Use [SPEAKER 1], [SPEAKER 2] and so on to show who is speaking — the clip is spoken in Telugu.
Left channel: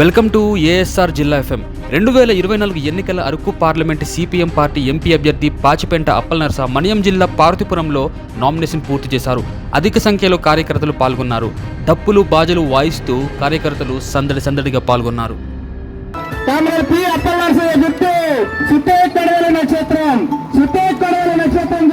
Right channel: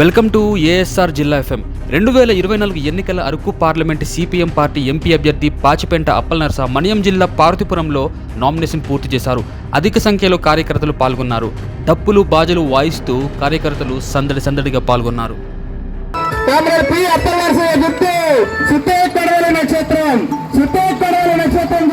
[SPEAKER 1] వెల్కమ్ టు ఏఎస్ఆర్ జిల్లా ఎఫ్ఎం. రెండు వేల ఇరవై నాలుగు ఎన్నికల Araku parliament CPM party MP అభ్యర్థి పాచిపెంట అప్పలనరస మణియం జిల్లా పార్వతీపురంలో నామినేషన్ పూర్తి చేశారు. అధిక సంఖ్యలో కార్యకర్తలు పాల్గొన్నారు. డప్పులు బాజలు వాయిస్తూ కార్యకర్తలు సందడి సందడిగా పాల్గొన్నారు.
[SPEAKER 2] నక్షత్రం. నక్షత్రం